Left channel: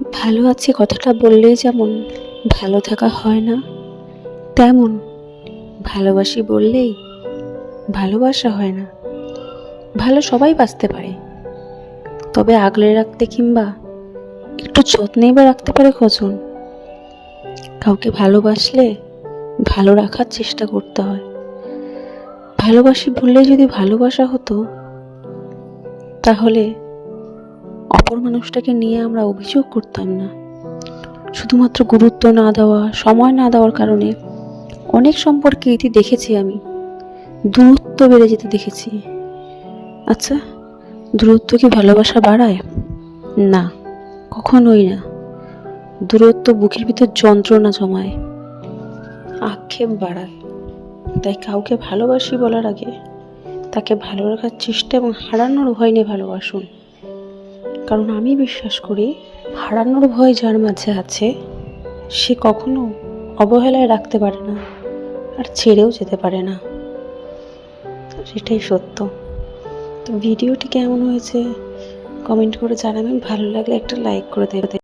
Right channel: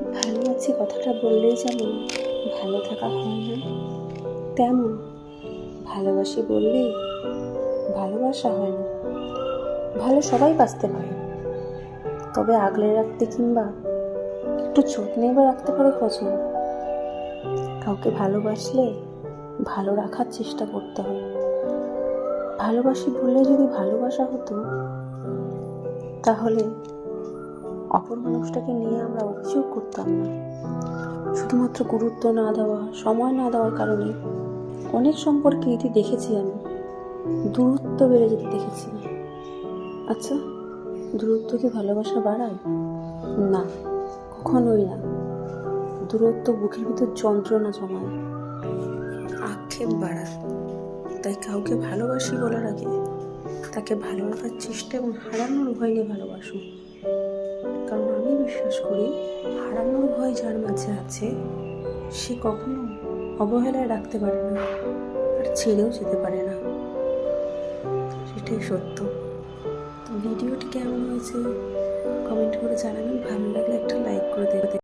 ভালো আছি কথাটা বললেই যেমন ভালো থাকা হয় না, তেমন ভালোবাসি বললেই ভালোবাসা হয় না। ভালো সবাই বাসতে পারে, তবে আগলে রাখতে কিংবা একটু যত্নেই বা রাখতে পারে কজন? কাউকে ভালোবাসলে ভালো রাখার চেষ্টা করতে হয়। ভালোবাসি বললে যদি ভালোবাসা হতো, তাহলে অপর মানুষটাকে নিয়ে আমরা অভিযোগ করতাম না। শুধুমাত্র গুরুত্ব না দেওয়া, সময় না দেওয়ার কারণে অনেক সম্পর্কে ইতি দেখেছি আমি, দূরত্ব বেড়ে যেতে দেখেছি। আচ্ছা, দূরত্ব কি ভালোবাসা বাড়ায়? না, কখনোই না। দূরত্ব বুকের ভিতর যন্ত্রণা জমায়, আক্ষেপ বাড়ায়। তাই কাউকে ভালোবাসি বলার আগে তাকে ভালো রাখার চেষ্টা এবং হারানোর ভয় নিয়ে ভালোবাসুন। কারণ আমি বিশ্বাস করি, হারানোর ভয় যার মাঝে আছে সে কখনো অবহেলায় রাখতে পারে না, আর ছেড়েও যেতে পারে না। সেটাই সত্য। তো ভিডিওটি কেমন হয়েছে কমেন্ট করে জানাবেন। ভালো লাগলে একটা লাইক করে দেবেন।